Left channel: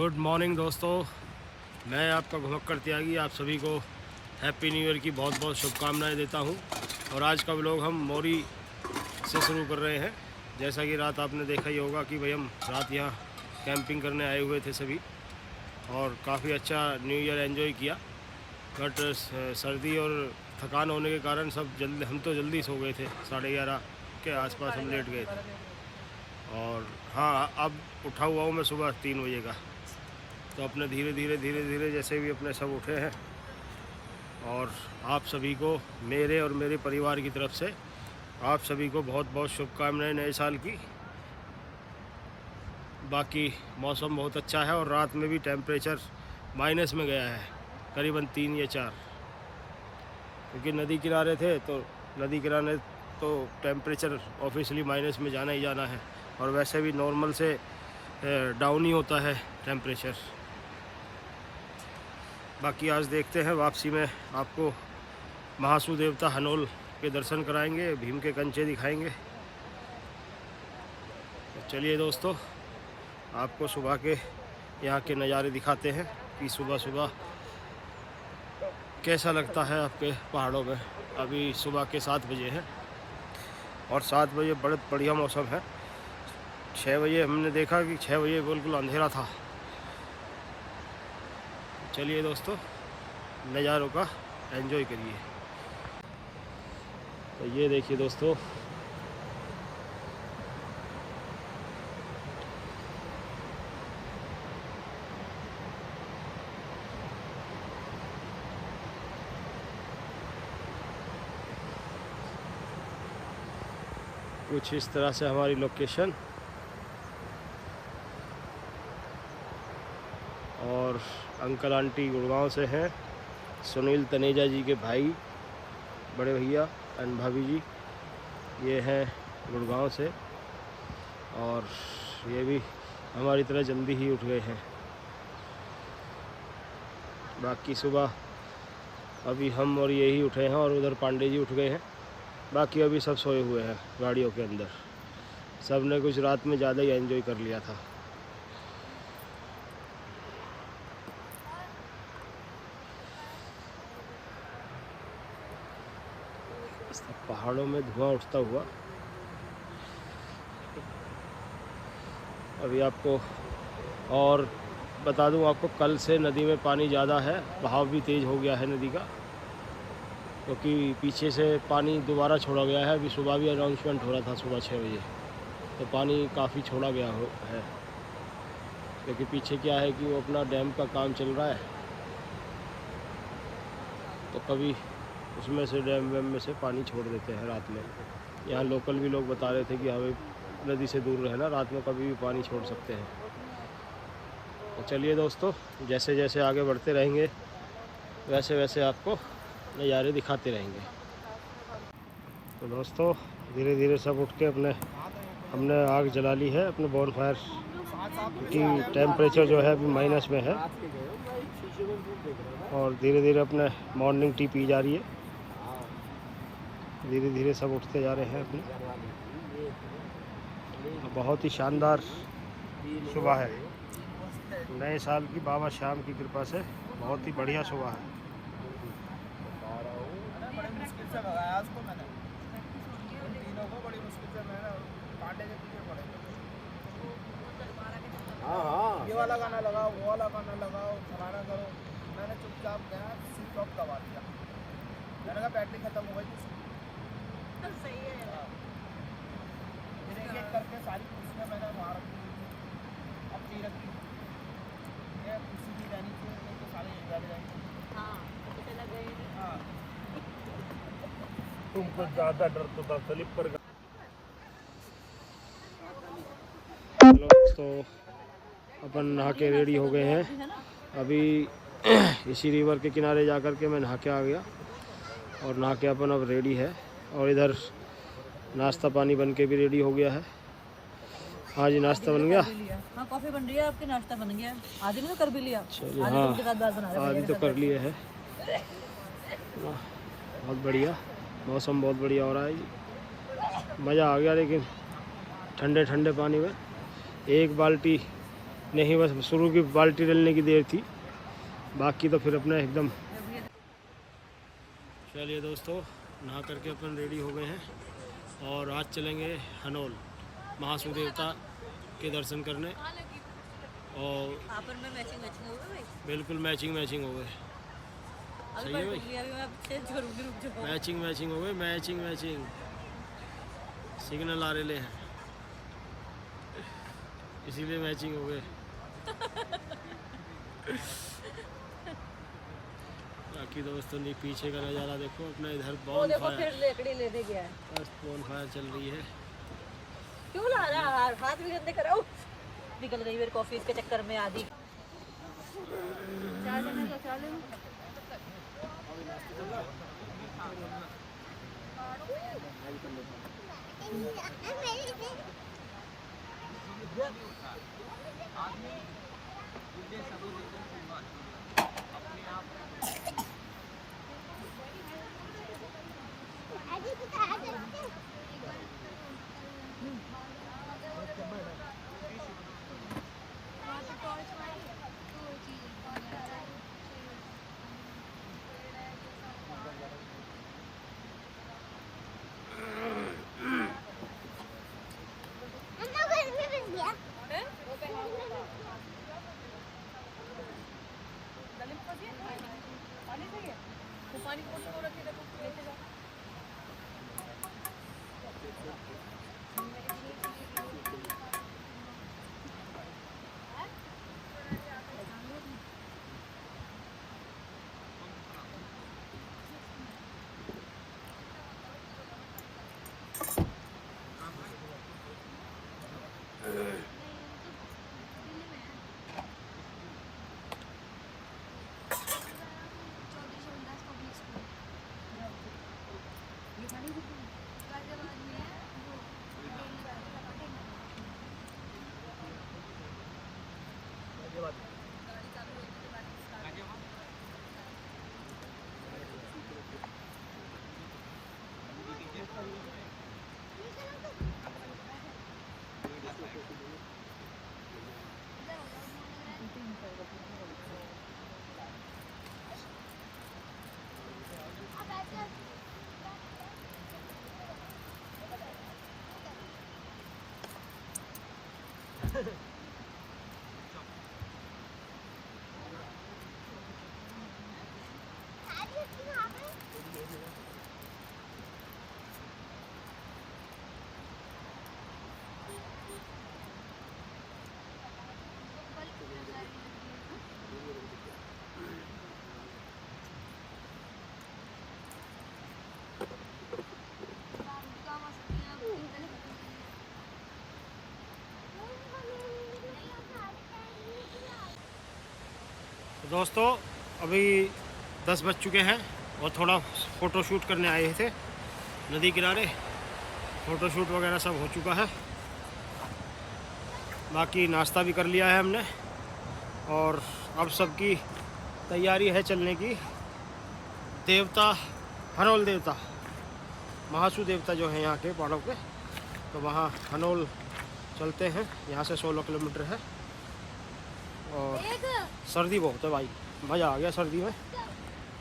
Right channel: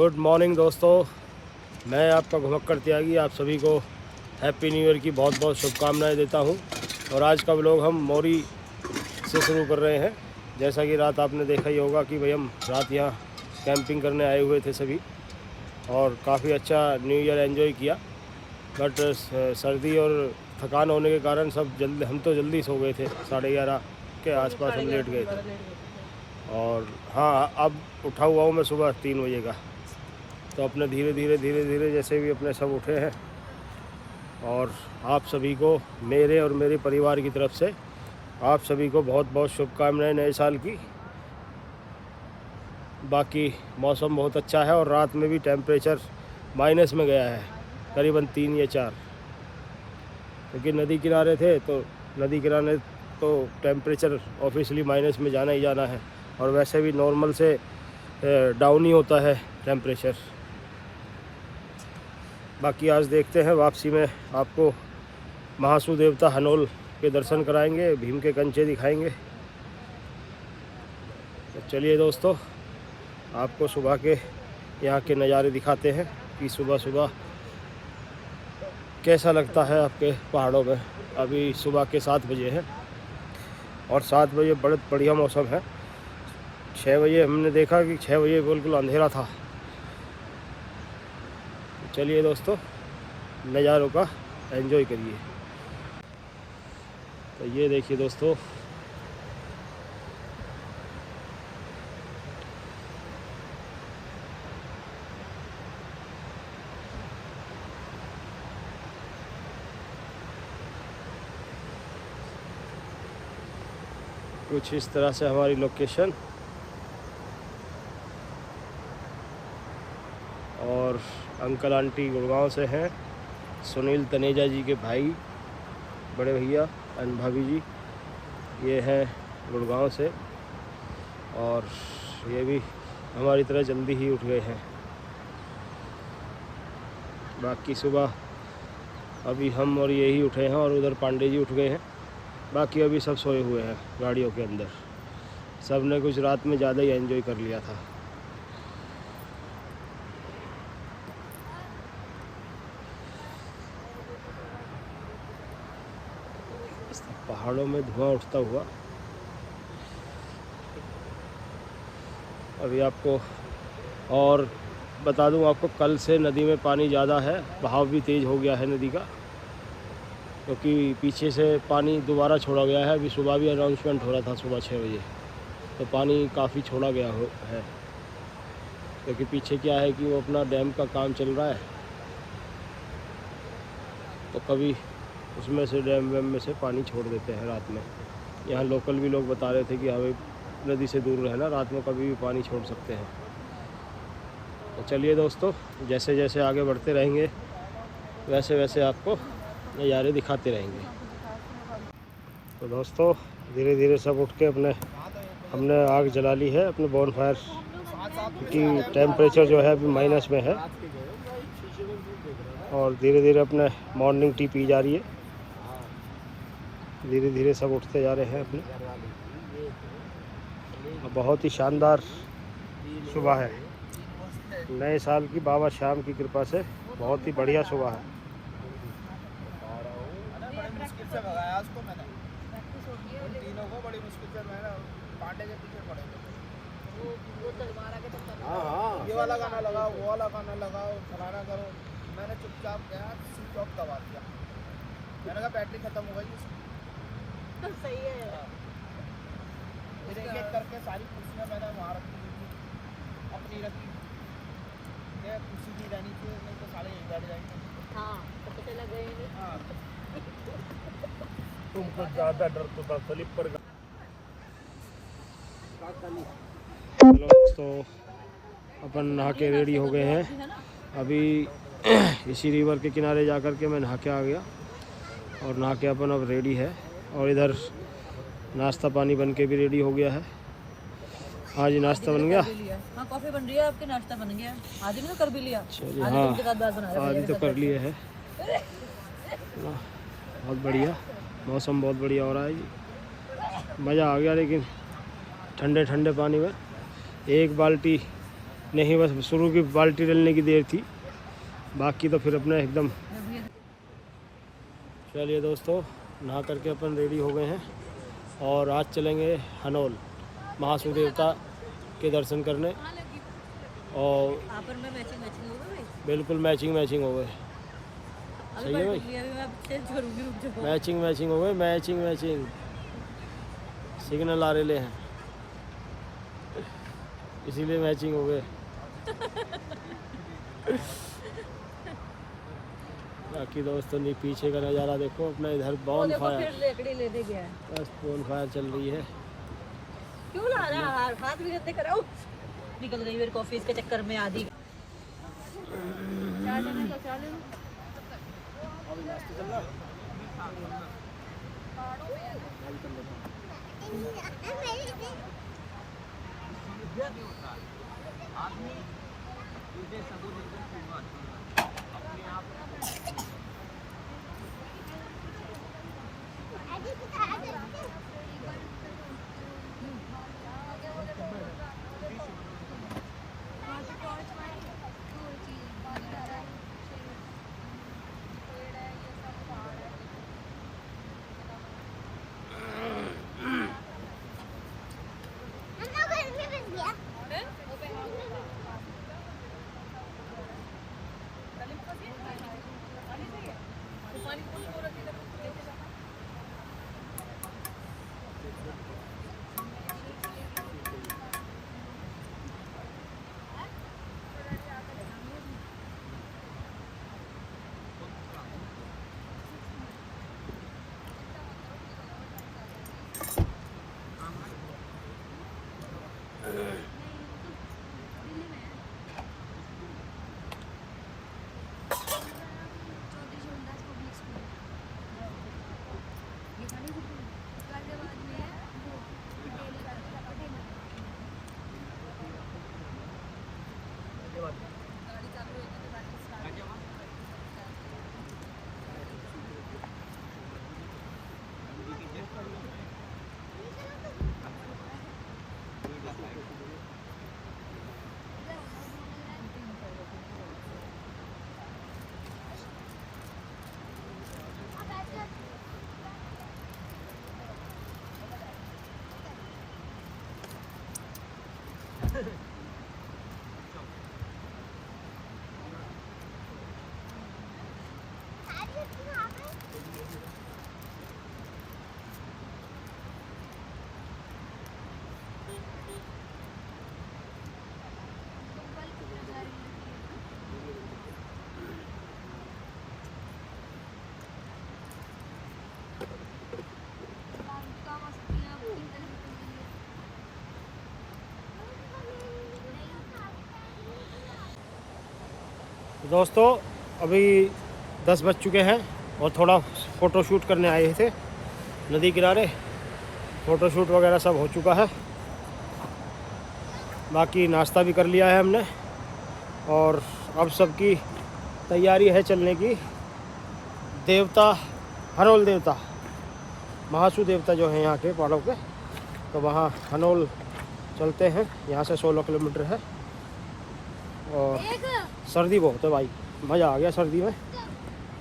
Good morning दोस्तों, मैं आपका घुमक्कड़ त्यागी आप सभी को हैप्पी न्यू ईयर की बहुत बहुत शुभकामनाएं देता हूं। और आज का व्लॉग हम मौरी से शुरू कर रहे हैं। जैसा कि रात आपने देखा ही होगा कि भाई हम रात यहाँ कैंपिंग करने आए हुए थे सभी, और काफ़ी अच्छा न्यू ईयर एंजॉय किया। बट सर्दी और थकान होने के कारण हम तो जल्दी सो गए थे। 11:30 के आसपास हम लेट गए थे। और हाँ, अब उठा हुआ हूँ मैं सुबह 3 बजे का। तो अपने धीरे धीरे जैसे भी अपने सब उठे हैं। और आप सभी को मेरे और मेरे परिवार की तरफ से आप सभी को बहुत बहुत शुभकामनाएं नए साल की। बाकी मौसम बहुत अच्छा है और रात में भी टेम्परेचर माइनस में गया है, करीबन 3 या 4, क्योंकि नदी किनारे थे। तो नदी किनारे तो टेम्परेचर ऑब्वियसली माइनस में जाना ही जाना है, और वैसे भी नॉर्मल से डाउन ही होता है टेम्परेचर। बाकी आज देखते हैं, वापसी में आपको महासू देवता हनोल के दर्शन कराएंगे, भीम के कंचे दिखाएंगे। तो चलिए दोस्तों, आपको सुबह के यहाँ के नज़ारे दिखाते हैं कि सुबह सुबह कैसा लगता है आपके पहाड़ों में। अभी सुबह के 7 बजे है और 7 बजे बहुत बढ़िया मौसम है। 6 बजे हमने देखा कि 6 बजे बिल्कुल अंधेरा था। चलिए दोस्तों, नज़ारों का एंजॉय करिए। तो ये देखिए दोस्तों, कुछ इस तरह से हमारी लोकेशन। और अंकल आंटी गुड़गांव से हैं, सुनील तनेजा जी के भाई, बड़े भैया एंड भाभी जी, ये हैं गुड़गांव से। और ये भी हमारी तरह जल्दी ही उठ गए हैं। बाकी सुबह अभी हम और ये ही उठे हैं, और उधर पांडे जी उठ गए हैं। बाकी अभी सब सोए हुए हैं गाड़ियों के अंदर। सब ने कुछ रात में ज़्यादा ही एंजॉय कर लिया था। पहाड़ों में धुआं उठता हुआ। अभी आपको और बता दूं, आपको कल से नदी में पानी ज़्यादा है, बहाव भी तेज़ हो गया है नदी का, क्योंकि पीछे से पानी दोबारा छोड़ा गया है। अभी सुबह भी अनाउंसमेंट हो रहा था सुबह 6 बजे, तो पानी काफ़ी छोड़ा गया है। क्योंकि पीछे क्या है कि वो अपना डैम का काम चल रहा है, तो कभी उसमें से डैम वैम में से पानी छोड़ देते हैं रात में। यहाँ लोकल भी लोग बता रहे थे कि हमें नदी से दूर रहना, रात में कभी भी पानी छोड़ सकते हैं। तो चलिए दोस्तों, जैसे जैसे आगे बढ़ते रहेंगे वैसे वैसे आपको नज़ारे दिखाते रहेंगे। तो दोस्तों, धीरे धीरे सब उठ के हमने आग जला ली है अपने बॉनफायर की। टेम्परेचर जो है अभी माइनस में है, और धीरे धीरे अपने मॉर्निंग टी पी जा रही है। धीरे धीरे सब उठते जा रहे हैं अपने। बहुत ही शानदार सुबह है, नए साल की बाबा श्याम की कृपा से बहुत ही बढ़िया सुबह है। ये वाला गाना लगाओ, वो वाला गाना लगाओ, फलाना करो। मैंने चुपचाप गया, स्विच ऑफ दबा दिया। मैंने कहा बैटरी खत्म हो गई। तो सही है। फिर एक एक करके सारी कुर्सियाँ मैंने वहाँ रखी हुई थी, अपनी रखी। ये कुर्सी भी रहनी चाहिए, नहीं तो सारे बैठ जाएंगे। हाँ, तो पता लगे। हाँ, तुमको ज़्यादा डर तो था स्लिप पर। चलो तो अपन नहा के रेडी हो गए हैं। अभी इसी रिवर के किनारे जा कर के मैं नहा के आ गया, और नहा के अपन अब रेडी है। और इधर नाश्ता पानी बन के भी रेडी हो गया है। हाँ जी, नाश्ता बन गया। हाँ, कॉफी बन रही है, आपके नाश्ता बन गया। आदि ने कर भी लिया। चलिए, हाँ आदि तो कर लिए है। बहुत बढ़िया, मौसम बहुत बढ़िया हो रहा है जी। मज़ा आ गया, लेकिन ठंडे ठंडे पानी में 1 बाल्टी नहीं बस शुरू की बाल्टी डलने की देर थी, बाकी तो फिर अपने एकदम। चलिए दोस्तों, नहा करके अपन रेडी हो गए हैं और आज चलेंगे हनोल महासू देवता के दर्शन करने। और आपस में मैचिंग हो गई भाई। बिल्कुल मैचिंग हो गए। सही है भाई, अभी मैं चेंज करूंगी, रुक जाओ। मैचिंग हो गए, मैचिंग सिग्नल आ रहे हैं इसीलिए मैचिंग हो गए। बाकी दोस्तों नहीं, पीछे का नज़ारा देखो अपना, इधर बॉन फायर, बस बॉन फायर चल रही है। क्यों ला रहा है हाथ भी नहीं कर रहा हूं। निकल रही मेरी कॉफी के चक्कर में आधी। चाय लेना तो चाय ले लो। मैं भी कर लेता हूँ। आदमी मुझे सबूत देकर अपने आप दोस्तों अभी 10 बज चुके हैं और थोड़ा फ़ोटो शूट करने आए थे नदी किनारे। फ़ोटो शूट वगैरह सब हो चुका है, बाकी नाश्ता भी कर लिया है हमने और अब सबकी तैयारी है चलने की। देवता हनोल देवता, महासू देवता जो है यहाँ के पहाड़ों के, तो वहाँ हनोल चलते हैं। यहाँ से 16 किलोमीटर है और सर्दी बहुत है भाई, मज़ा आ गया सर्दी में।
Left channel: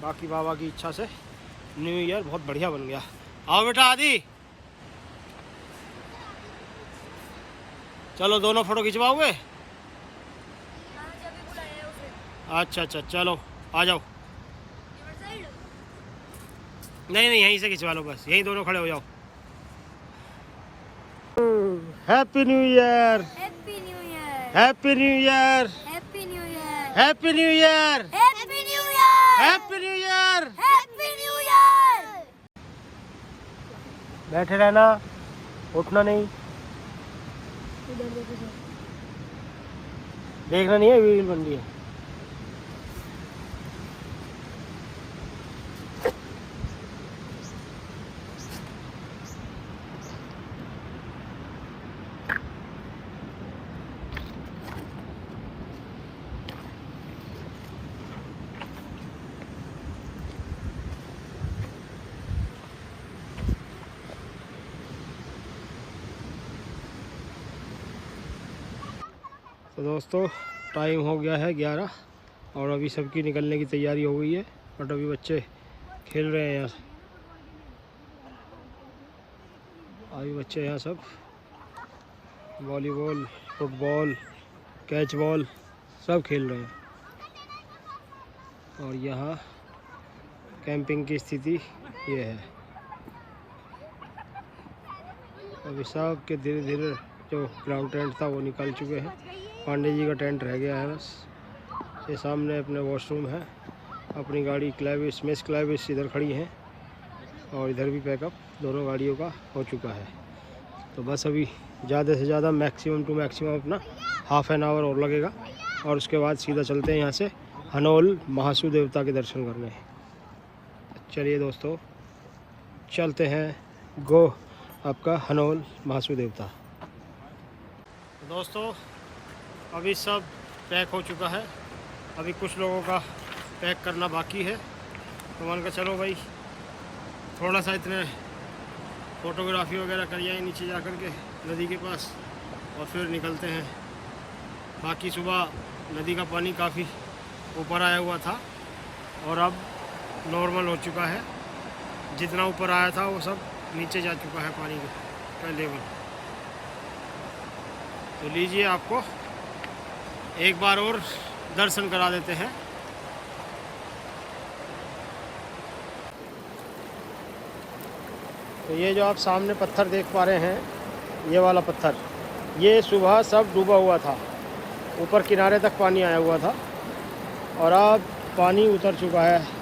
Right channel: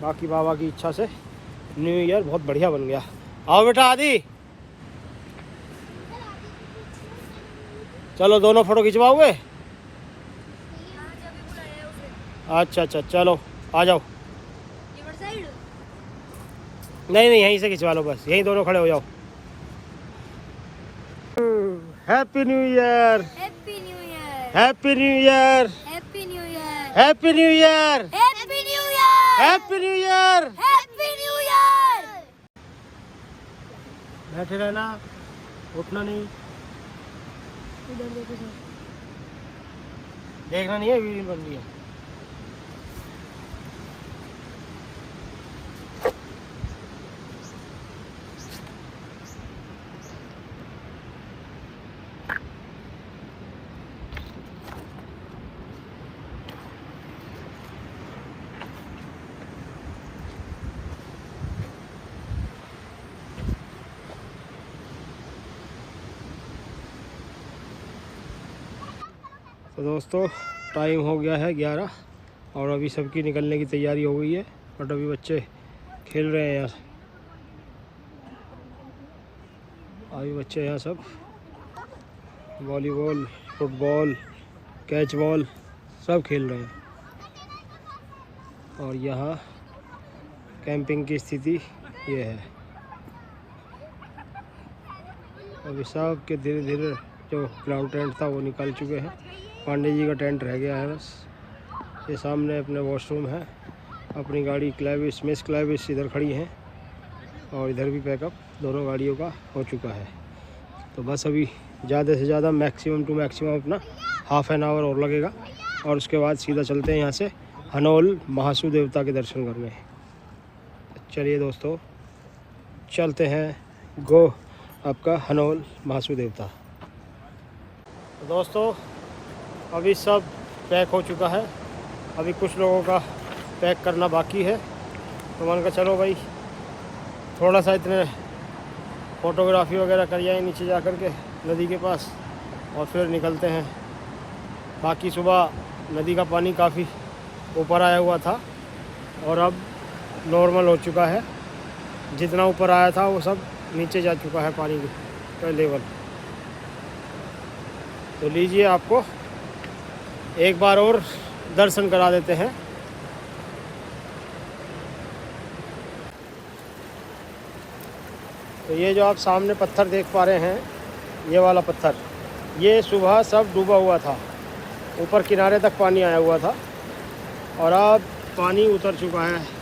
बाकी बाबा की इच्छा से न्यू ईयर बहुत बढ़िया बन गया। आओ बेटा आदि, चलो दोनों फोटो खिंचवाओगे? अच्छा चलो आ जाओ। नहीं यहीं से खिंचवा लो, बस यहीं दोनों खड़े हो जाओ। Happy new year, happy new year, happy new year, happy new year, happy new year, happy new year, happy new year. Happy new year. बैठे रहना, उठना नहीं, देखना नहीं है, वीडियो बन रही है। तो दोस्तों टाइम हो गया है 11 और अभी सबकी निकलने की तैयारी हो गई है, बट अभी बच्चे खेल रहे हैं यार। अभी बच्चे यहाँ सब वॉलीबॉल, फुटबॉल, कैच बॉल सब खेल रहे हैं। और यहाँ कैंपिंग की स्थिति ये है। अभी सब के धीरे धीरे जो ग्राउंड टेंट था वो निकल चुके हैं, पांडे जी का टेंट रह गया है बस। ये सामने अपने वॉशरूम है, अपनी गाड़ी क्लैविस, मिस क्लैविस इधर खड़ी हैं और इधर भी पैकअप दोनों गाड़ियों का हो चुका है। तो बस अभी ज़्यादा से ज़्यादा मैक्सिमम टू मैक्सिमम अपना हाफ एन आवर और लगेगा और उसके बाद सीधा चलते हैं यहाँ से हनोल महासू देवता के दर्शन करने। चलिए दोस्तों चलते हैं गो आपका हनोल महासू देवता। तो दोस्तों अभी सब पैक हो चुका है, अभी कुछ लोगों का पैक करना बाकी है। तो मान का चलो भाई थोड़ा सा इतने फ़ोटोग्राफी वगैरह कर आए नीचे जा कर के नदी के पास और फिर निकलते हैं। बाकी सुबह नदी का पानी काफ़ी ऊपर आया हुआ था और अब नॉर्मल हो चुका है। जितना ऊपर आया था वो सब नीचे जा चुका है पानी का लेवल। तो लीजिए आपको एक बार और दर्शन करा देते हैं। तो ये जो आप सामने पत्थर देख पा रहे हैं, ये वाला पत्थर, ये सुबह सब डूबा हुआ था, ऊपर किनारे तक पानी आया हुआ था और अब पानी उतर चुका है।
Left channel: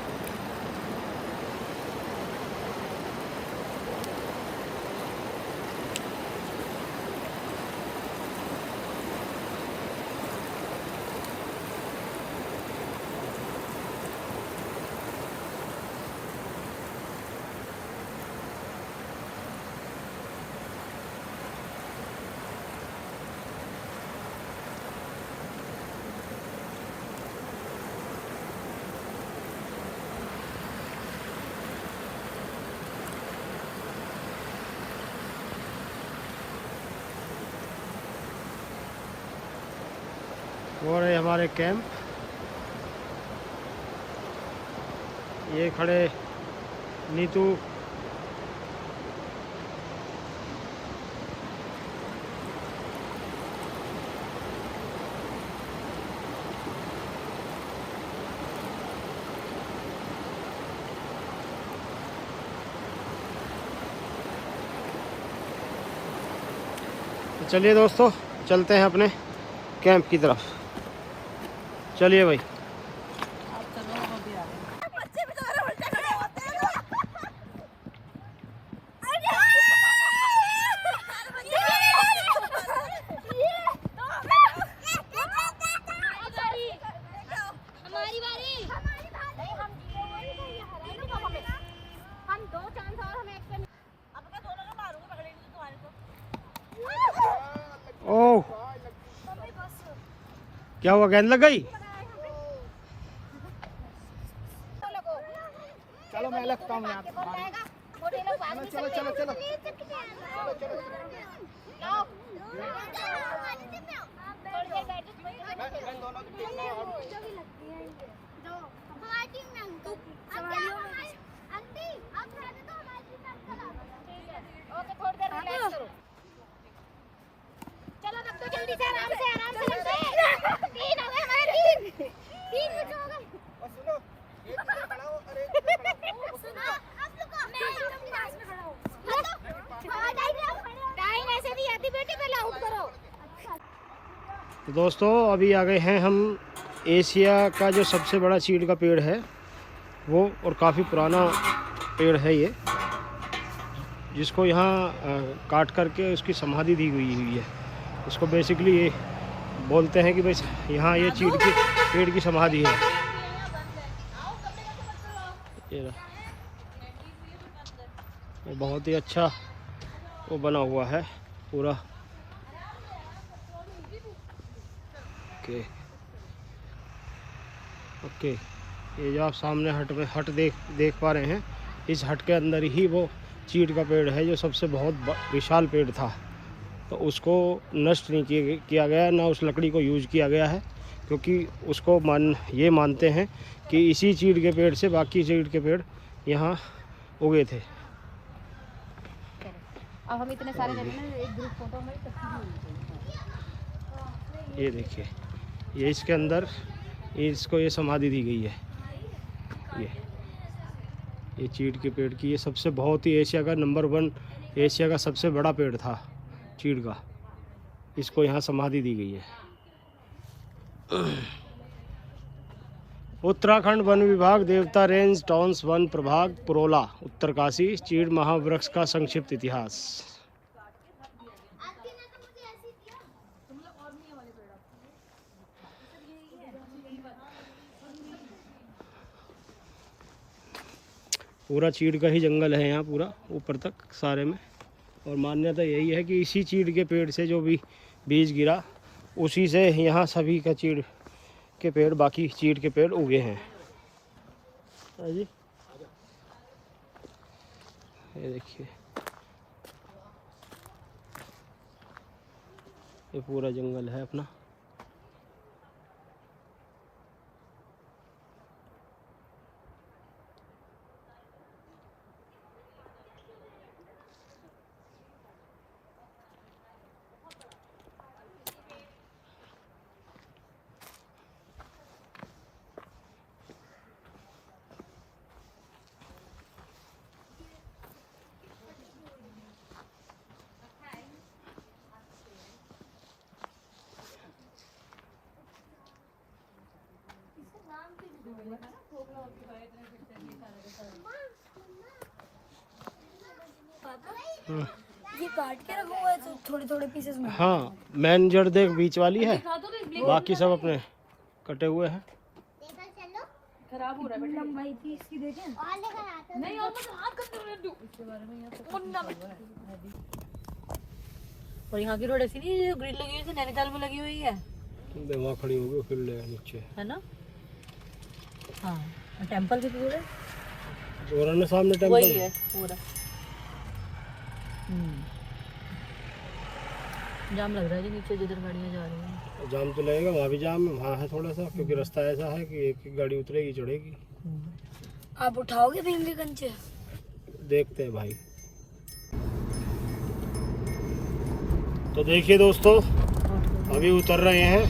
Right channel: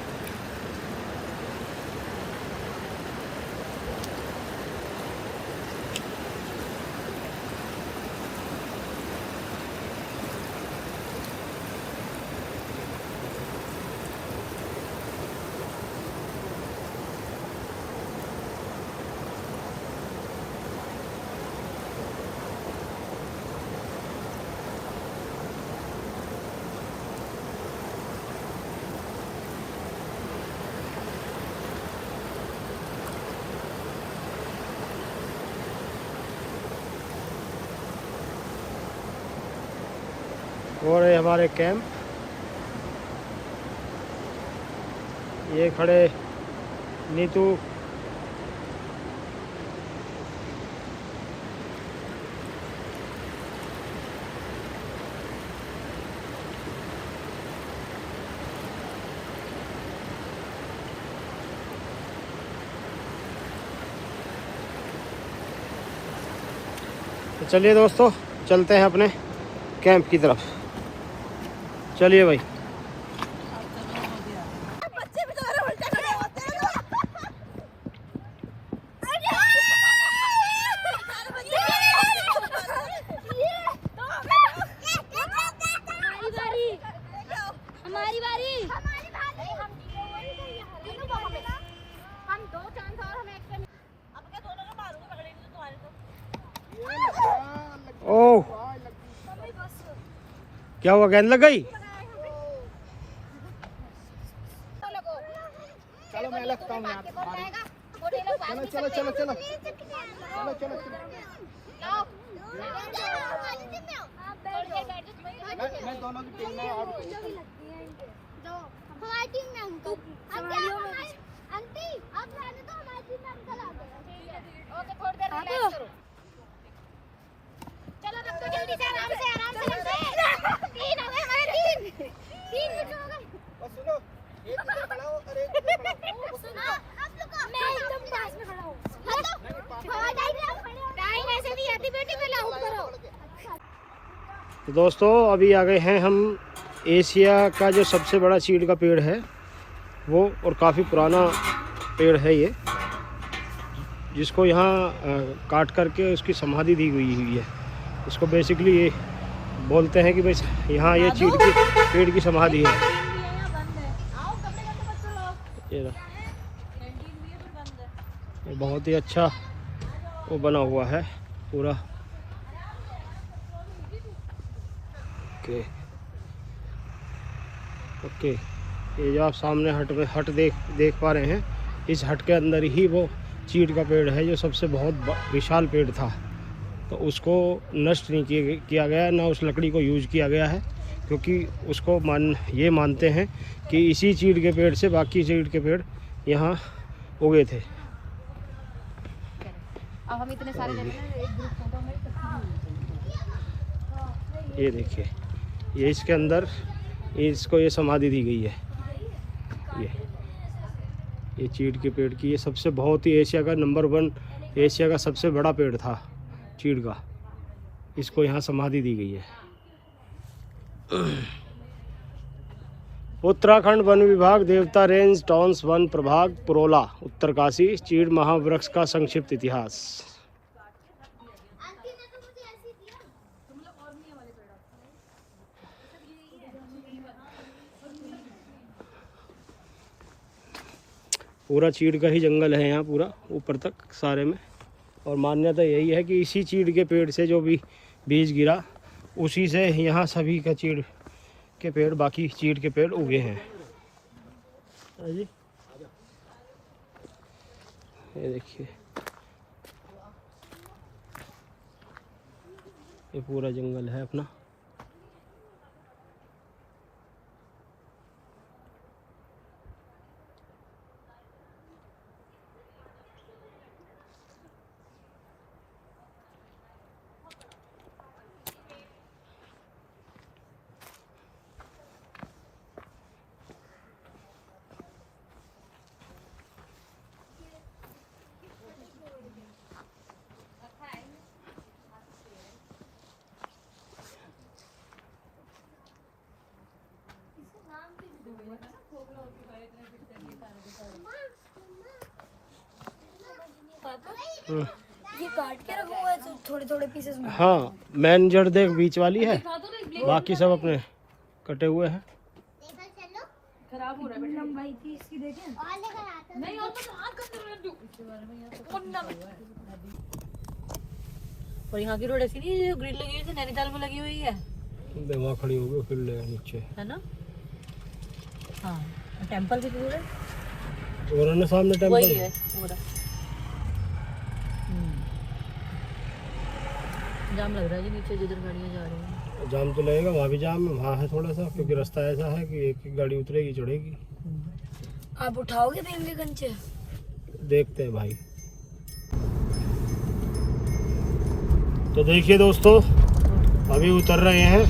और ये हमारे कैंप, ये खड़े नीतू, तो चलिए दोस्तों चलते हैं अपने कैंप की तरफ। चलिए भाई। बच्चे भी तुम्हारे उल्टे खड़े होते हैं। हमारी बारी। हम दो चांस और हमें एक अब मैं दोनों को मारूंगा, पकड़ेंगे तो तुम्हारे तो। ओह क्या हुआ, गेंद लग गई? चलो मैं लगता हूँ यहाँ। चलो चलो चलो चलो तो दोस्तों अभी आ गए हैं हम एशिया का जो सबसे बड़ा चीड़ का पेड़ है वो, और काफ़ी पुराना पेड़ है ये, जिसको यहाँ काट करके उसकी समाधि दी हुई है। इसको बेसिकली ये बोलते हैं कि भाई यहाँ ये चीड़ की पेड़ की समाधि है। ये बहुत ही अच्छा वो बना हुआ है पूरा। ओके ये जो आप सामने हट देख पा रहे हैं, इस हट के अंदर ही वो चीड़ का पेड़ है जो सबसे बहुत विशाल पेड़ था। तो उसको नष्ट नहीं किया गया, ना उस लकड़ी को यूज़ किया गया है, क्योंकि उसको ये मानते हैं कि इसी चीड़ के पेड़ से बाकी चीड़ के पेड़ यहाँ उगे थे। अब हम इतने सारे एक ग्रुप फोटो में ये देखिए, ये इसके अंदर इसको ये समाधि दी गई है। ये चीड़ के पेड़ की ये सबसे बहुत ही एशिया का नंबर 1 एशिया का सबसे बड़ा पेड़ था चीड़ का, इसको यहाँ समाधि दी गई है। उत्तराखंड वन विभाग, देवता रेंज, टॉन्स वन प्रभाग, पुरोला, उत्तरकाशी, चीड़ महावृक्ष का संक्षिप्त इतिहास। पूरा चीड़ का ही जंगल है यहाँ, पूरा ऊपर तक सारे में। और मान्यता यही है कि इसी चीड़ के पेड़ से जो भी बीज गिरा, उसी से यहाँ सभी का चीड़ के पेड़, बाकी चीड़ के पेड़ उगे हैं। ये देखिए, ये पूरा जंगल है अपना। ये काट के रखा हुआ है तो थोड़े थोड़े पीसेस में। हाँ, मेन जड़ देख बीच वाली है, बाकी सब अपने कटे हुए हैं। खराब हो रहा है बेटा भाई की इसकी देखें नहीं और और यहाँ की रोड ऐसी नहीं ग्रिल लगी हुई है, नैनीताल में लगी हुई है। वहाँ खड़ी हो गई, फिर ले नीचे है ना। हाँ, टेंपल की जगह और ना सामने टेंपल वही है पूरा। जाम लग रहा है जी नीचे जिधर गाड़ियाँ जा रही हैं। जाम तो लगेगा, वहाँ भी जाम है, वहाँ है थोड़ा सा, क्योंकि रास्ता ऐसा है कि एक गाड़ी उतरेगी चढ़ेगी। आप उठाओगे भीमलीगंज से? देखते हैं भाई। तो देखिए दोस्तों, अभी उतर रहे हैं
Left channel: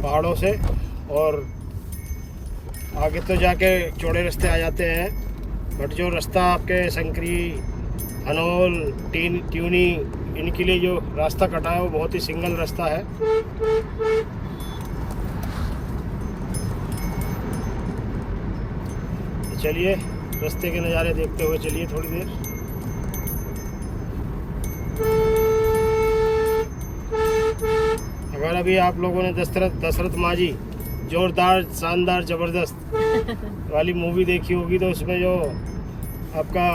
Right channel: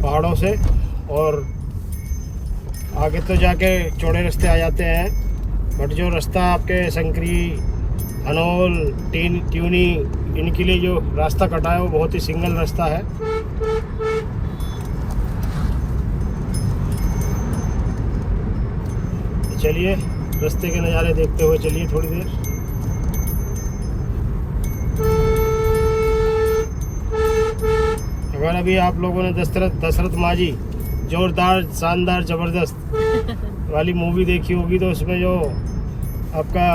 पहाड़ों से, और आगे तो जाके चौड़े रास्ते आ जाते हैं, बट जो रास्ता आपके संकरी, हनोल, ट्यूनी, इनके लिए जो रास्ता कटा है वो बहुत ही सिंगल रास्ता है। तो चलिए रास्ते के नज़ारे देखते हुए चलिए थोड़ी देर। अगर अभी आप लोगों ने दशरथ माझी जोरदार, शानदार, जबरदस्त वाली मूवी देखी होगी, तो उसमें जो आपका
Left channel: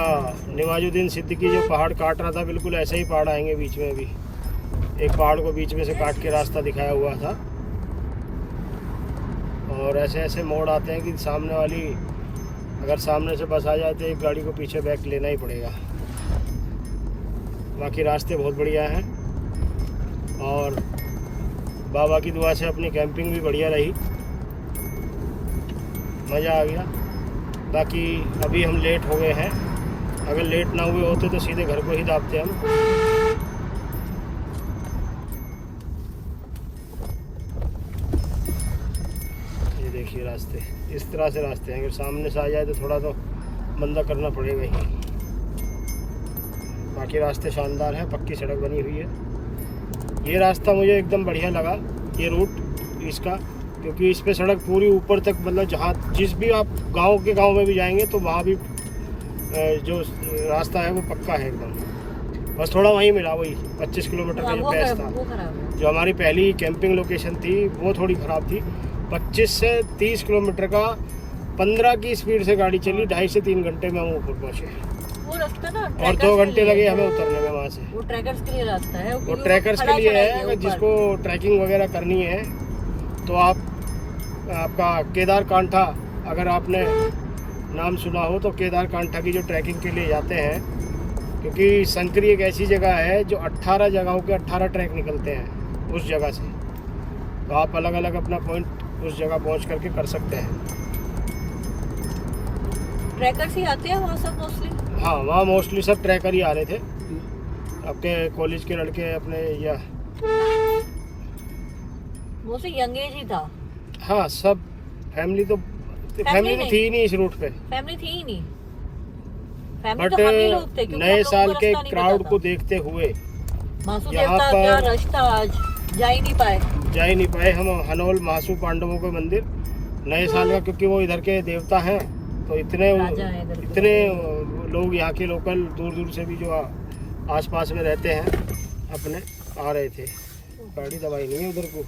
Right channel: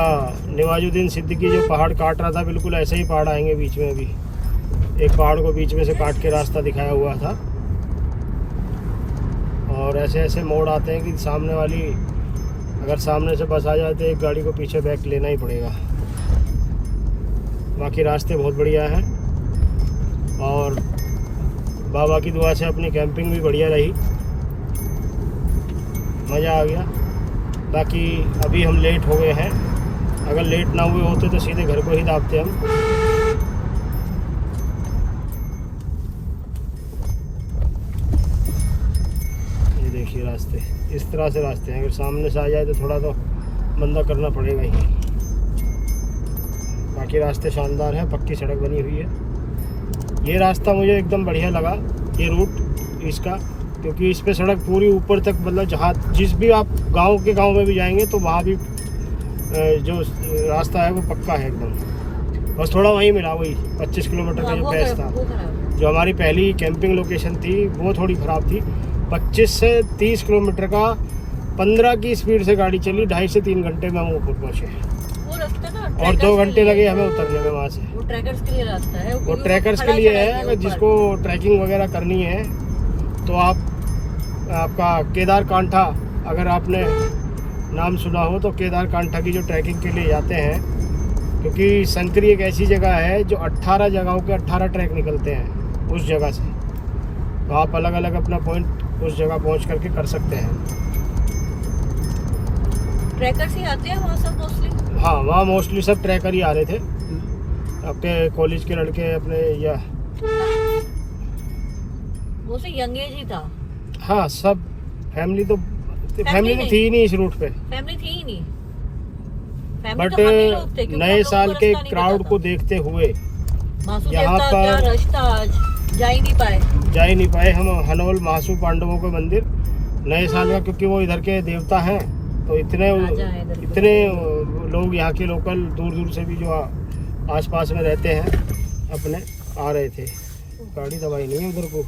नवाजुद्दीन सिद्दीकी जो पहाड़ काट रहा था, बिल्कुल ऐसे ही पहाड़ आएंगे बीच में। भी एक पहाड़ को बीच में से काट के रास्ता दिखाया हुआ था, और ऐसे ऐसे मोड़ आते हैं कि सामने वाली, अगर सामने से बस आ जाए तो एक गाड़ी को पीछे बैक लेना ही पड़ेगा। बाकी रास्ते बहुत बढ़िया हैं, और बाबा की दुआ से अपनी कैंपिंग भी बढ़िया रही, मज़ा आ गया। बाकी अभी हम लेट हो गए हैं, अगर लेट ना हुए होते तो सीधे घर को ही दाबते हम। ये देखिए रास्ते, इस तरह से रास्ते हैं, अगर सामने से आ जाए तो थोड़ा तो बंदा करना पड़ेगा ही। बाकी रास्ते शानदार हैं, पक्की सड़क बनी हुई है। ये रास्ता मुझे एकदम बढ़िया लगा, ये रूट इसका, क्योंकि इस पे सड़क पूरी ऊपर तक, मतलब जहाँ जिस भी आप गांव में भी जाएंगे तो वहाँ भी जो रास्ता है वो पक्का है एकदम। बस थोड़ा वहीं मिला, वही 25 किलोमीटर का जो पैच था, जो हमारी पहली कैंपिंग लोकेशन थी वो थोड़ी ख़राब थी। 25 से 30 किलोमीटर का 15 की स्पीड से गाड़ी चली, 2.5 से 3 घंटे में हम ऊपर पहुँचे, और 2 घंटे लगे हमें उतरने में वहाँ से। वो ट्रैकर्स के लिए रास्ता है, वो ट्रैकर्स के लिए है। अगर जिसको ट्रैकिंग वगैरह करनी है तो आपका केदार कांठा, अगर आपने नाम सुना हो तो केदार कांठा की जो ट्रैकिंग के लिए जाते हैं क्योंकि संकरी एक ऐसी जगह है जो 18 जगहों के 18 ट्रैक निकलते हैं उस जगह से, तो आप अलग अलग अपना पॉइंट उस जगह पहुंच करके कर सकते हैं। ट्रैकर्स ही आते हैं वहाँ सब मोस्टली? हाँ, वहाँ मोस्टली सब ट्रैकर ही आ रहे थे, अपने कॉलेज के लड़के अपने, या मोस्टली यंग एज ही था। हाँ, सब फैमिली तो नहीं। थी ही नहीं इस रूट पे, फैमिली थी ही नहीं। बट तो हम ही लोग थे, क्योंकि हम नए लोगों साल को के रास्ता नहीं क्राउड पता को था। देखते हुए मासूम यहाँ देवता क्या पर रश था, आज जा ही नहीं पाए। हम हनोल महासू पांडवों के मंदिर नए साल का, क्योंकि वो इधर के देवता हैं, तो इतने राजा है इधर के। इतने लोग यहाँ के लोकल दूर दूर से भी जो आसपास में रहते हैं अपने आ रहे थे। गाड़ी दबाई नहीं है उधर को।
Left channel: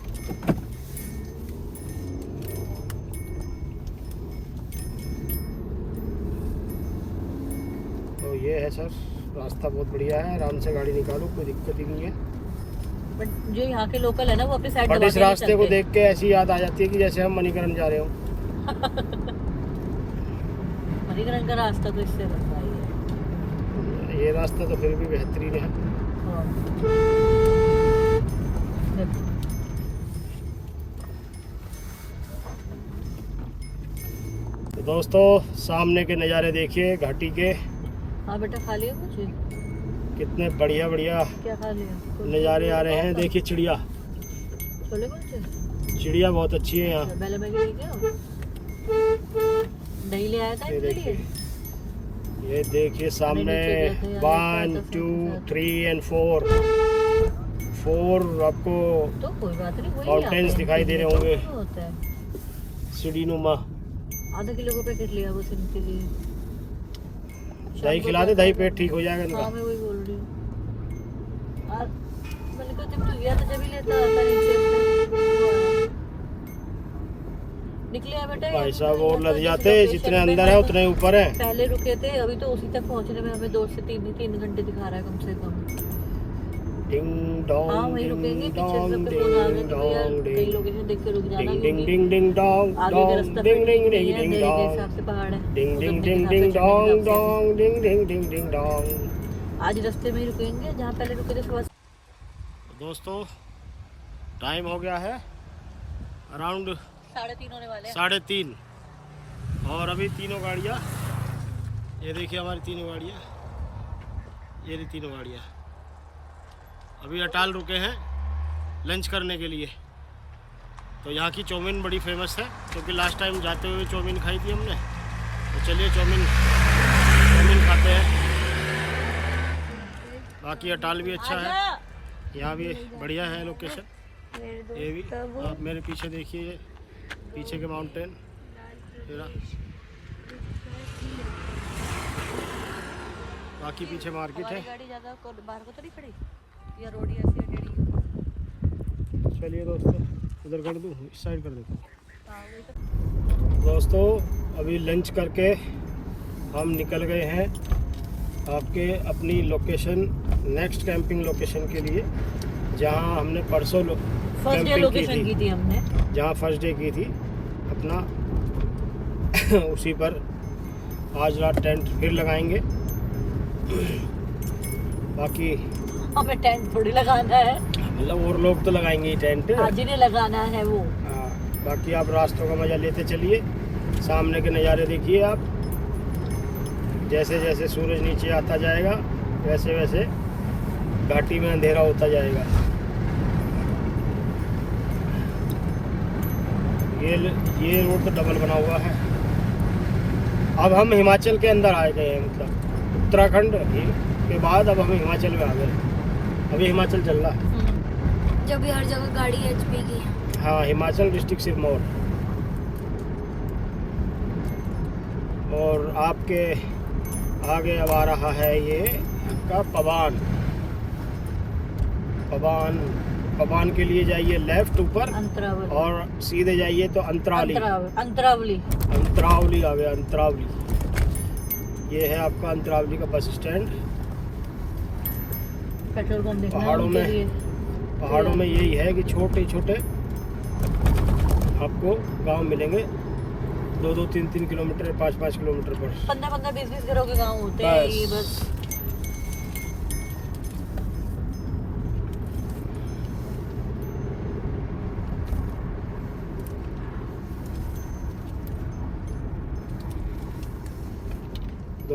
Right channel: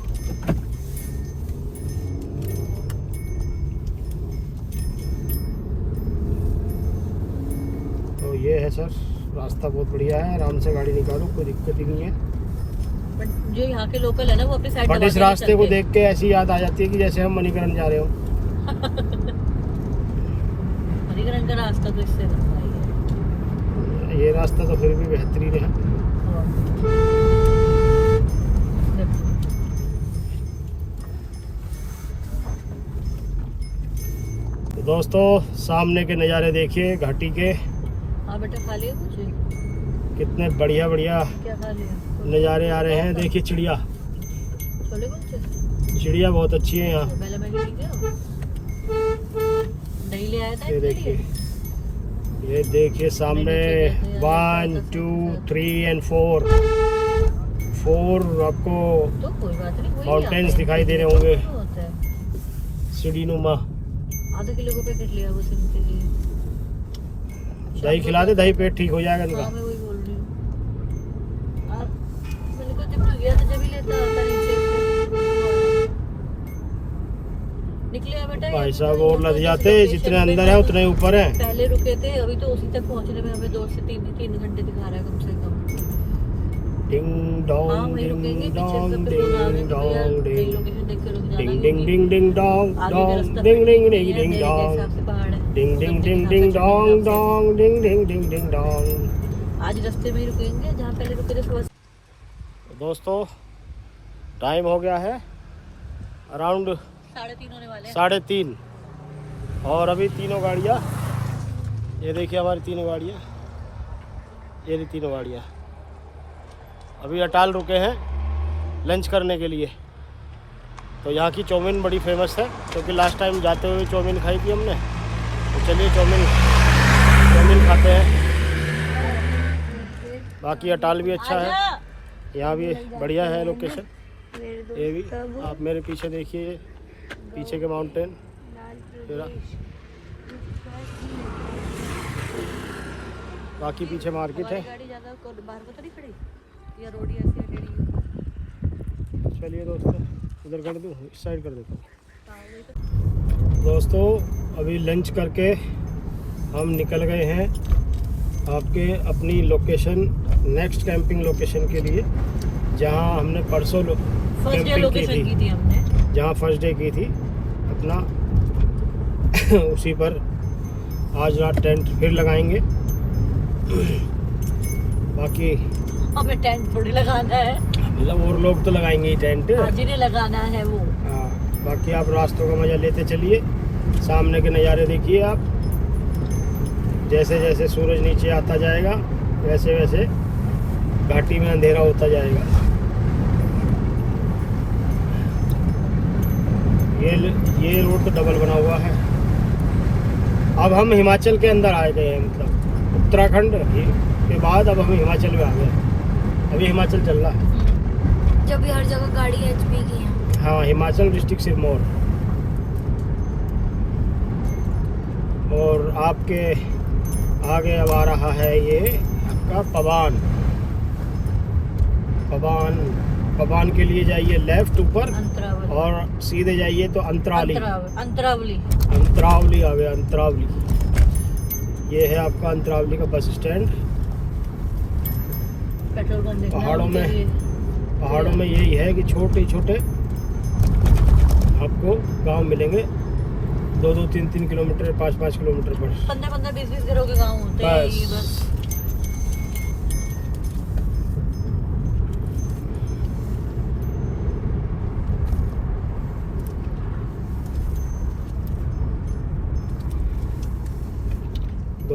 तो ये है सर, रास्ता बहुत बढ़िया है, आराम से गाड़ी निकालो, कोई दिक्कत ही नहीं है। बट जो यहाँ के लोकल है ना वो अपनी साइड बट इस रास्ते को देख के ऐसी याद आ जाती है कि जैसे हम मणिकरण जा रहे हो। मणिकरण का रास्ता तो इससे ये रास्ता तो फिर भी बेहतरीन है। तो दोस्तों, सामने के नज़ारे देखिए घाटी के, हाँ बेटा खा लिया कुछ? कितने बढ़िया बढ़िया क्या खा लिया? नज़ारे आ रहे हैं। देखिए चिड़िया, छोले कुछ? चिड़िया बहुत अच्छी है यहाँ। पहले मैंने लेके आओ, दही ले आया था ये इसके देखिए, लिए। ये देखिए सामने 1 2 3 और 4 आपको तो कोई बात नहीं, वही माउंटेन्स आता है। दिखाई दे रहे होंगे, तो होता है। सीढ़ीनुमा। आधा किलो का पैकेट लिया बस इनके लिए। दही खिला दे, दही पेट ठीक हो जाएगा हाँ, इनका। मैं वही बोल रही हूँ। और मैंने कहा जब तू गया तो जब ही लेता आता नीचे निकले हैं बेटा। भाई साहब और लग जाते, जितने अंदर है उतने ऊपर है। पहले रुके थे, अभी तो उसी तक पहुंचने में हमें 2 से 3 घंटे दिखा रहा है कम से कम। डिंग हाँ डोंग वही रुकेंगे, डिंग पीछे से डोंग फिर बोला हमें डिंग तो यार डोंग कई डिंग लोकेशन देख के रुक जाना, डिंग डिंग डिंग डिंग डोंग आगे का डोंग रास्ता डिंग डिंग नहीं डिंग है, डिंग मेरे डोंग हिसाब से पहाड़ है। डिंग डिंग तो डिंग अपने डिंग हिसाब से डोंग चलेंगे। डोंग डिंग डिंग डिंग डिंग डोंग। आज रास्ते में ही रुकेंगे जहाँ पहले रुके थे सुबह। तो दोस्तों, टाइम हो गया है अराउंड 3:30 होने वाले हैं। 3:30, और अभी तीनों गाड़ियाँ, ये देखिए हमारी तीनों गाड़ियाँ, ये रही तीनों गाड़ियाँ अभी अटाल रुके हैं लंच करने के लिए। तो यहाँ की चाउमीन बड़ी फेमस है, क्योंकि लास्ट टाइम जाते हुए चाउमीन खाई थी हमने। तो चलिए चाउमीन खाते हैं। बाकी अटाल भी अच्छा है, यहाँ भी बढ़िया है लोकेशन। ये भी आप मेरे पीछे देखिए, पीछे के माउंटेन तेरा, बाकी पीछे मार्केट है। गाड़ी ज़्यादा बाहर को तो नहीं खड़ी या रोड ही ऐसे? चलिए दोस्तों, उधर कर दूँ, इस साइड कर देता हूँ। हाँ, वही तो। दोस्तों, अभी लंच करके हम निकल गए हैं आपके अपनी लोकेशन, नेक्स्ट कैंपिंग लोकेशन के लिए, जहां हमने परसों फर्स्ट डे कैंपिंग लोकेशन की थी हमने। जहां फर्स्ट डे की थी अपना उसी पर आज रात टेंट फिर लगाएंगे। बाकी हमें टेंट थोड़ी लगाना है, मतलब और लोग तो लगाएंगे ही टेंट। जिन्हें लगाना है वो। हाँ, बाकी आप रास्तों का मज़ा लेते चलिए, सामने के नज़ारे देखिए आप। जैसे जैसे सूरज नीचे आता जाएगा वैसे वैसे घाटी में अंधेरा होता जाएगा। ये रोड तो डबल बना हुआ है। अब हम हिमाचल के अंदर आ गए हैं, मतलब उत्तराखंड के बाद अब हम हिमाचल में आ गए। अभी हिमाचल चल रहा है। जब हर जगह गाड़ी एचपी की है। हाँ, हिमाचल डिस्ट्रिक्ट सिरमौर। और आपके आगे अब आ रहा है ये आपका पबान के लिए जाइए लेफ्ट ऊपर, अंतरावली। और सीधे जाइए तो अंतरावली अंतरावली आ गया। अंतरावली ये है आपका अंतरावली का बस स्टैंड। पेट्रोल पंप देखना है पहाड़ों में यही है कि छोटे छोटे आपको गांव मिलेंगे, 2-2, 3-3 किलोमीटर, 5-5 किलोमीटर पर। 15-15, 20-20 घरों के गाँव होते हैं ये बस।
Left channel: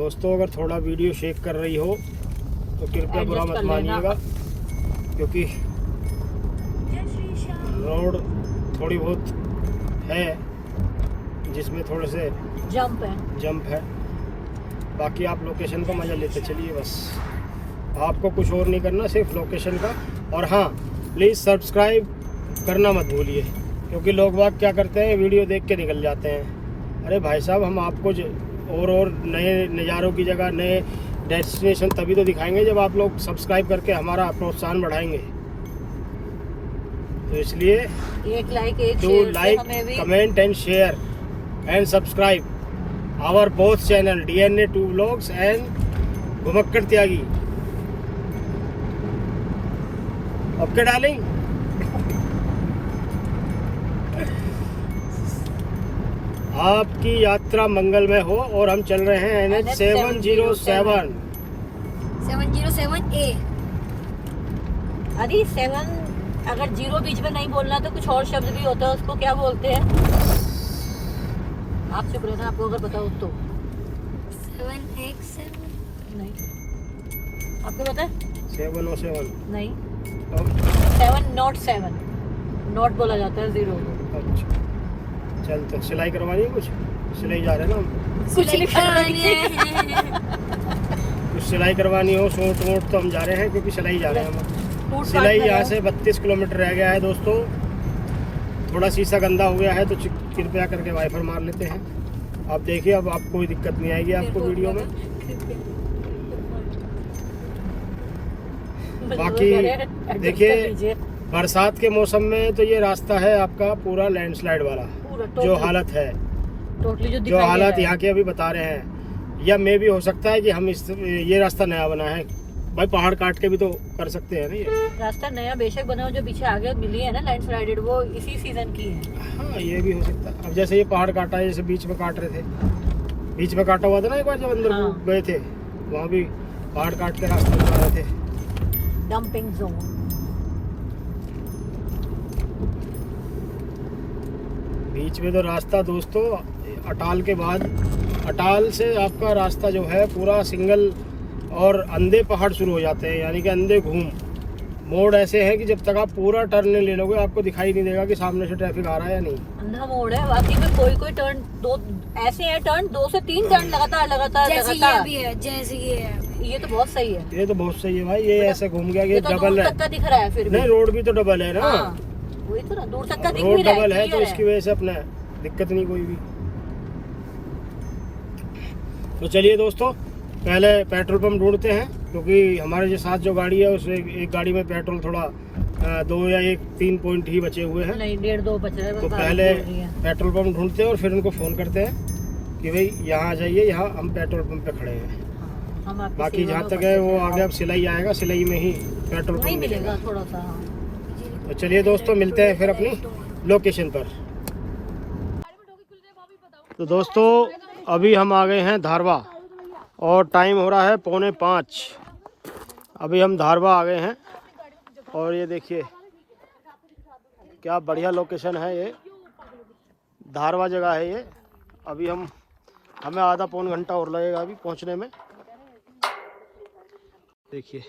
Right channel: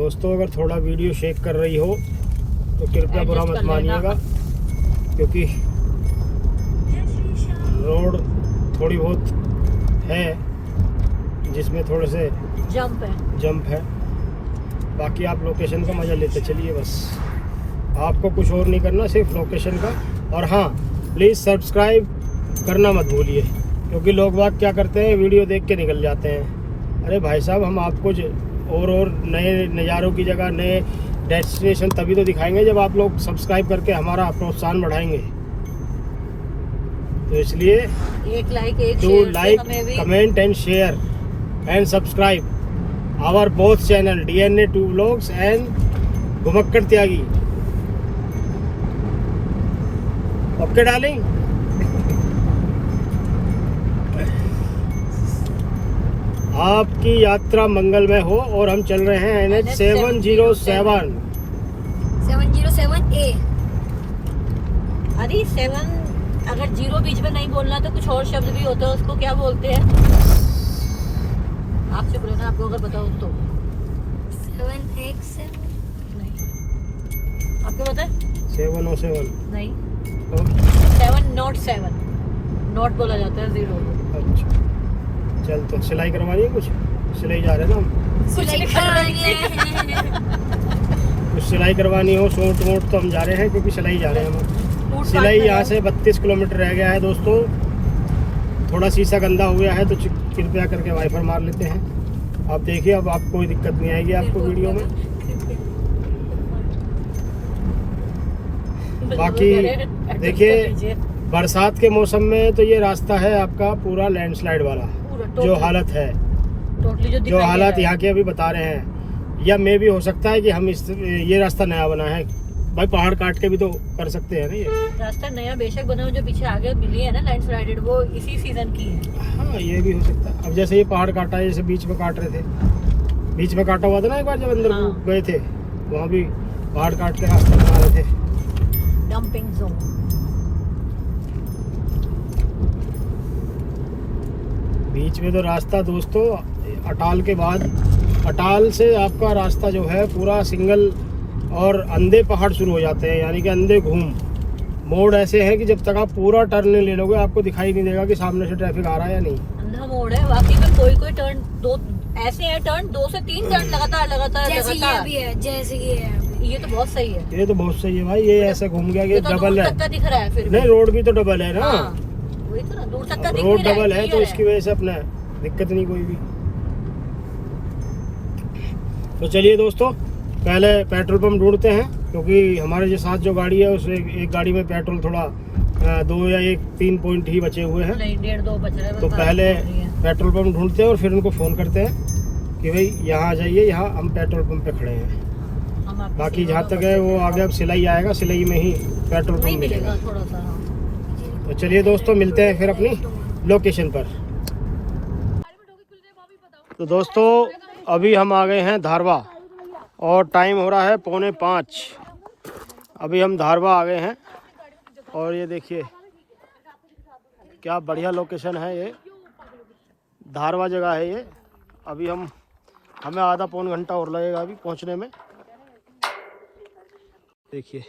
दोस्तों अगर थोड़ा वीडियो शेक कर रही हो तो कृपया बुरा Adjust मत कर लेना। मानिएगा, क्योंकि रोड थोड़ी बहुत है जिसमें थोड़े से जंप है। बाकी आप लोकेशन का मज़ा लेते चलिए, बस आपको कुछ और नहीं करना, सिर्फ लोकेशन का। और हाँ, प्लीज़ सब्सक्राइब करना मत भूलिए, क्योंकि लोग बाग क्या करते हैं, वीडियो देख के निकल जाते हैं। अरे भाई साहब, हम आपको और नए नज़ारों की जगह, नए डेस्टिनेशन तभी तो दिखाएंगे जब आप लोग सब्सक्राइब करके हमारा प्रोत्साहन बढ़ाएंगे। तो इसलिए एक लाइक एक डू शेयर से लाइक, हमें भी comment and share and subscribe our both channel DNA 2 Vlogs एंड घुमक्कड़ त्यागी। Okay darling. आपकी यात्रा मंगलमय हो। और हम चल रहे हैं NH 707। 707A। अरे 7 अगर 0 बीच में नहीं बोलना तो कुछ और शब्द भी होता है, उसको क्या बोलते हैं? आप चुप रहना, आपको अगर बताओ तो। 7X7। नहीं, आपको पता है? 707 नहीं, तो 7 नॉट 7 नॉट बोला जाता है 0। अच्छा, चल तो सिलाई करवानी है कुछ, सिलाई जा रहे हैं ना हम। कुछ नहीं कुछ सिलाई करवानी हो, सूट वूट, तो हम जा रहे हैं, क्योंकि सिलाई जा रहे हैं हम। सिलाई यहाँ से 32 किलोमीटर रह गया है दोस्तों। थोड़ा शीशा गंदा हो गया है तो कृपया करके वाइफर मार लेते हैं। आप देखिए, अब आप कोई दिक्कत नहीं आएगी आपको वीडियो में। बाकी देखिए, बरसात के मौसम में तो ये रास्ता है आपका पूरा लैंडस्लाइड वाला, जो हालत है, टोटली जो हालात यहाँ के अभी बता रहे हैं। या मे भी हो सकता है कि हम ये रास्ता नया बना है भाई, पहाड़ काट के भी तो कर सकते हैं ना ये रास्ता नया बेशक बना हो, जो पीछे आगे मिली है ना लैंडस्लाइडेड, वो इसी सीजन की है। हाँ, ये भी हो सकता है। अब जैसे ये पहाड़ काटा है, जैसे बीच में काट रहे थे, बीच में काटा हुआ था ना एक बार जब अंदर हाँ। गए थे, वहाँ भी पहाड़ काट के रास्ता बना रहे थे। Dumping zone. बीच में तो रास्ता दोस्तों अटाल के बाद, अटाल से आपका रास्ता जो है पूरा सिंगल और अंधे पहाड़ शुरू हो जाते हैं, यानी कि अंधे घूम मोड़ ऐसे हैं कि जब तक आप पूरा टर्न नहीं ले लोगे आपको दिखाई नहीं देगा कि सामने से ट्रैफिक आ रहा है या नहीं। अंधा मोड़ है बाकी में, कोई टर्न दो ऐसे हैं, टर्न 2 से 3 टर्न लगातार। जैसे ये है। ये तो बहुत सही है। ये तो बहुत सही है भाई, ये ऐसे घूम गया कि डबल है। तक दिख रहा है फिर भी। नहीं, रोड भी तो डबल है ना। हाँ, वही तो ना, दूर तक का दिख रोड भी रहा डबल है तो clear इसकी वजह से अपना दिक्कत नहीं कोई भी। तो चलिए दोस्तों, पहले पेट्रोल पंप ढूंढते हैं, क्योंकि हमारे जो साथ जो गाड़ी है उसमें एक गाड़ी में पेट्रोल थोड़ा 2 या 3 पॉइंट ही बचे हुए हैं। नहीं, 1.5-2 बचे हैं। तो पहले पेट्रोल पंप ढूंढते हैं और फिर उनको फ़ोन करते हैं कि भाई यहाँ आ जाइए, यहाँ हम पेट्रोल पंप पे खड़े हैं। बाकी जहाँ तक है वो आगे अब सिलाई आएगा, सिलाई में ही पेट्रोल पंप मिलेगा। थोड़ा सा। तो चलिए दोस्तों, मिलते हैं फिर अपनी लोकेशन पर। तो दोस्तों अभी हम आ गए हैं धारवा और टाइम हो रहा है 4:45। अभी हम धारवा आ गए हैं और ये देखिए क्या बढ़िया लोकेशन है, ये धारवा जगह है ये। अभी हमें आधा पौन घंटा और लगेगा अभी पहुंचने में। देखिए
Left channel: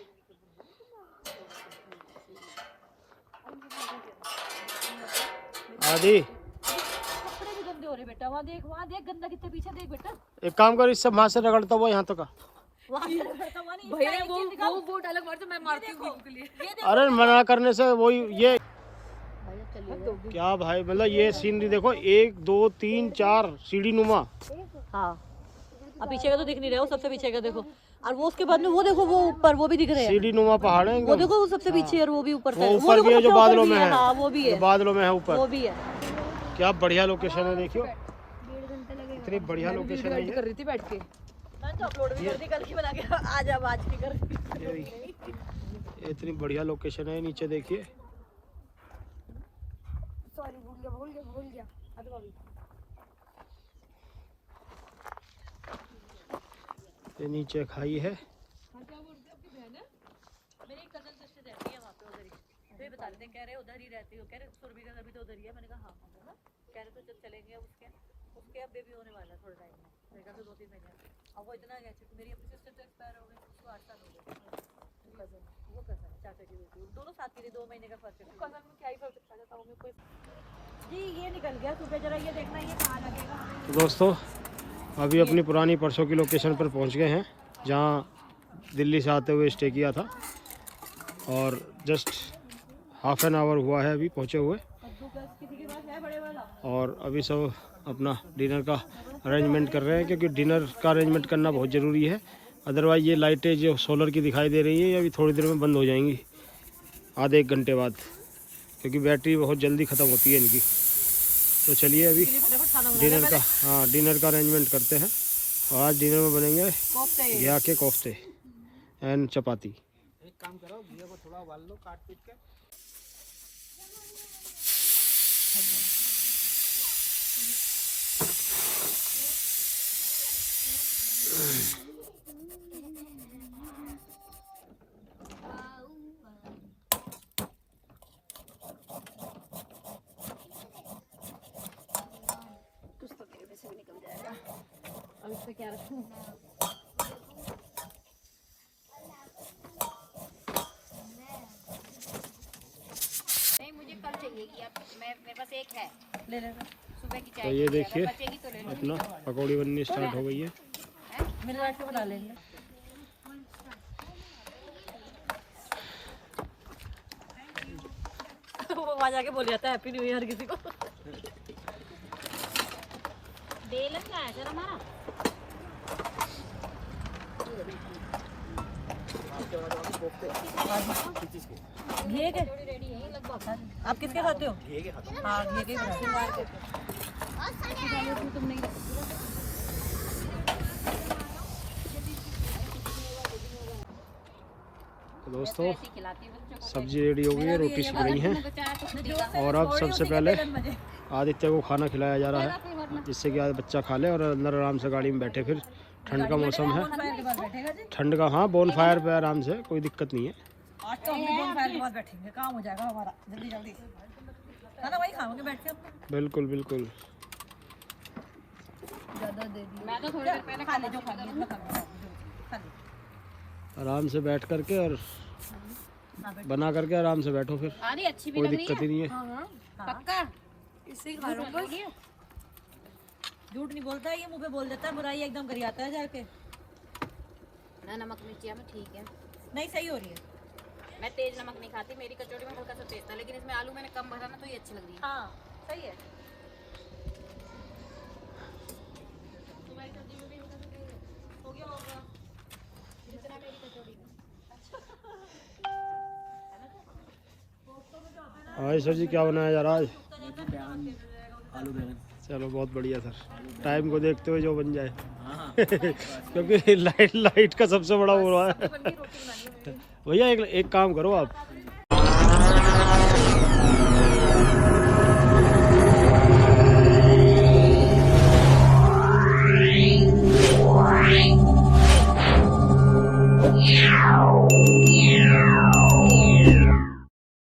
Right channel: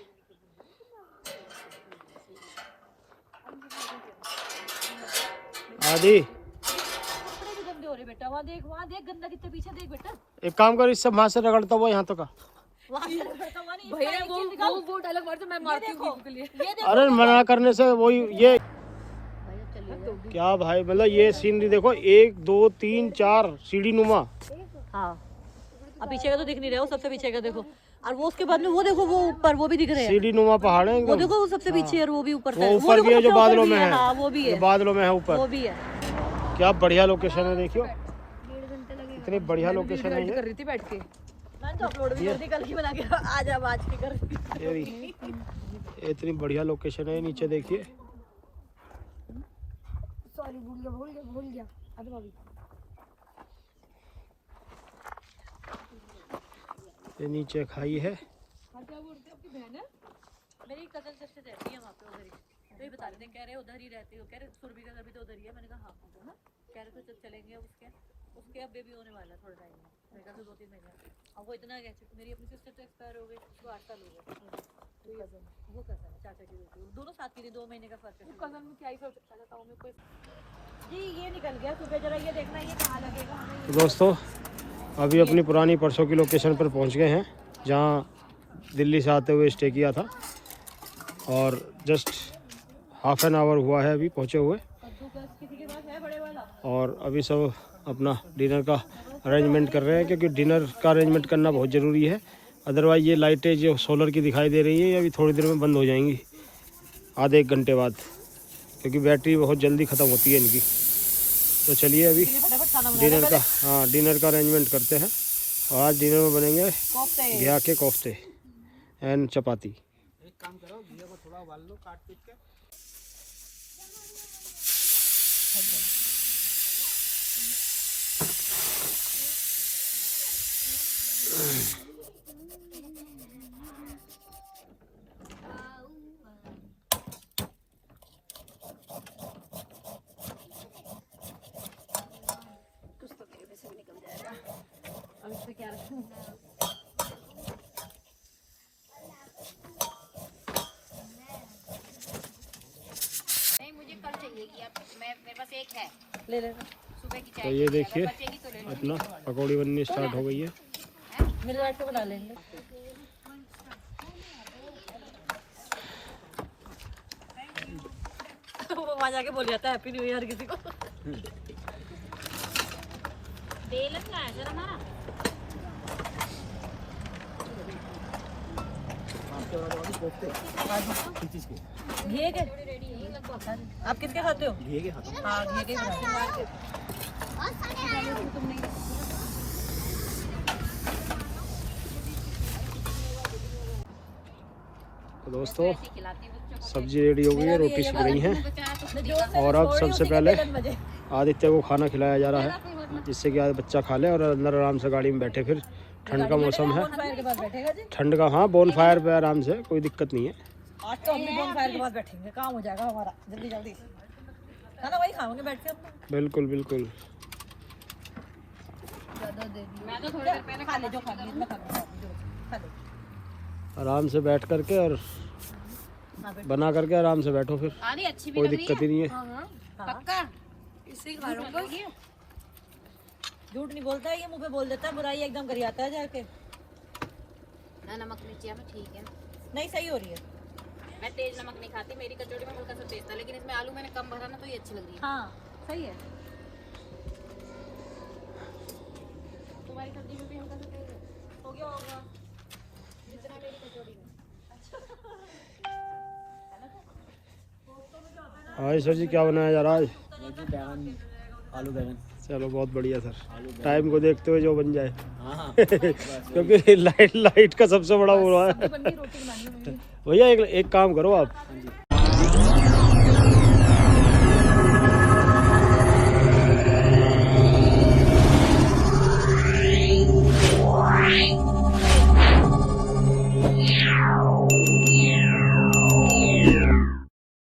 आदि, बेटा वहाँ देख गंदा कितना पीछे देख बेटा। एक काम कर, इससे वहां से रगड़ता हुआ यहाँ तक आ। वो डायलॉग मार तो मैं मारती हूँ के लिए। अरे मना करने से वही ये क्या भाई, मतलब ये सीनरी देखो, 1 2 3 4 सीढ़ी नुमा। हाँ, अब पीछे का तो दिख नहीं रहा, वो सबसे पीछे का देखो, और वो उसके बाद में वो देखो, वो ऊपर वो भी दिख रहे हैं, सीढ़ी नुमा पहाड़ है वो देखो, वो सबसे पीछे है, वो भी ऊपर वो ऊपर भी है जो बादलों में है। हाँ, वो भी जो है, बादलों में है ऊपर। वो भी है। क्या बढ़िया लोकेशन है, देखियो इतनी बढ़िया लोकेशन है कर ये। रही थी बैठ के, मैं तो अपलोड भी कर दी कल की बना के, आज अब आज की कर। ये भी इतनी बढ़िया लोकेशन है। नीचे देखिए, सॉरी भूल गया। ये नीचे खाई है। मेरी कजन सिस्टर रहती है वहाँ पे उधर ही, तो बता रहे थे, कह रहे उधर ही रहती हो, कह रहे सुरभि का घर भी तो उधर ही है। मैंने कहा हाँ, कह रहे तो जब चलेंगे उसके अब बेबी होने वाला थोड़ा टाइम। अब वो इतना गया, मेरी अपनी सिस्टर तो एक्सपायर हो गई, उसको 8 साल हो गए। वो कज़न चाचा की बेटी, दोनों साथ की थी, 2 महीने का फर्क है। कज़न में क्या ही फर्क था में कोई। जी ये निकल गया सुबह, जरा ये देखना ये कहाँ लगेगा हमें। तो दोस्तों अभी अपनी पुरानी परसों की लोकेशन पर पहुंच गए हैं, जहां दिल्ली से आते हुए स्टे किया था, और जस्ट हाफ एन आवर हुआ है अभी पहुंचे हुए। किसी के पास है बड़े वाला? और अभी सब अपना डिनर का अरेंजमेंट कर रहे हैं, क्योंकि डिनर का अरेंजमेंट करना बहुत ज़रूरी है। अदरवाइज़ ये लाइटें जो सोलर की दिखाई दे रही हैं ये अभी थोड़ी देर में बंद हो जाएंगी, आधे 1 घंटे बाद, क्योंकि बैटरी बहुत जल्दी ख़त्म होती है इनकी। तो चलिए अभी डिनर का डिनर का अरेंजमेंट करते हैं। और आज डिनर में बनेंगे घिया के कोफ्ते एंड चपाती। एक काम करो, घिया को थोड़ा उबाल लो काट पीट के। क्या रखूं? नहीं मुझे कल चाहिए कि अब मेरे पास एक है ले लेना। सुबह की तो चाय ये देखिए बचेगी तो ले लो। अपना पकौड़ी बननी स्टार्ट हो गई है। मिल बांट के बना लेंगे। वो वहाँ जाके बोल जाता है हैप्पी न्यू ईयर किसी को। बेलन लाया जरा हमारा। घी के आप किसके खाते हो? हाँ घी के बनाते हो। तो दोस्तों सब्जी रेडी हो गई है, रोटी सिक रही है, और अब सबसे पहले आदित्य को खाना खिलाया जा रहा है, जिससे कि आज बच्चा खा ले और अंदर आराम से गाड़ी में बैठे। फिर ठंड का मौसम है, ठंड का, हाँ बोन फायर पे आराम से, कोई दिक्कत नहीं है। आज तो हम भी बोन फायर के पास बैठेंगे, काम हो जाएगा हमारा जल्दी जल्दी। खाना वही खाओगे बैठ के हम। बिल्कुल बिल्कुल। मैं तो थोड़ी देर पहले खा ले जो खानी है, इतना खा ले। आराम से बैठ करके और बना करके आराम से बैठो, फिर आ रही अच्छी भी कोई लग रही दिक्कत ही नहीं है। पक्का इसी खा लूंगा। झूठ नहीं बोलता है ये, मुंह पे बोल देता है, बुराई एकदम कर आता है जाके। ना नमक मिर्ची अब ठीक है। नहीं सही हो रही है। मैं तेज नमक नहीं खाती, मेरी कचौड़ी में हल्का सा तेज था, लेकिन इसमें आलू मैंने कम भरा ना तो ये अच्छी लग रही है। हाँ सही है। तुम्हारी सब्जी में भी हल्का सा तेज है। हो गया होगा। जितना मेरी कचौड़ी में। हाँ सर जी, क्या बनाया जा रहा है आज? बैगन, आलू बैगन। चलो बहुत बढ़िया सर, टाइम को देखते हुए जो बन जाए। क्योंकि लाइट का सबसे बड़ा वो रहा है। भैया एक काम करो आप,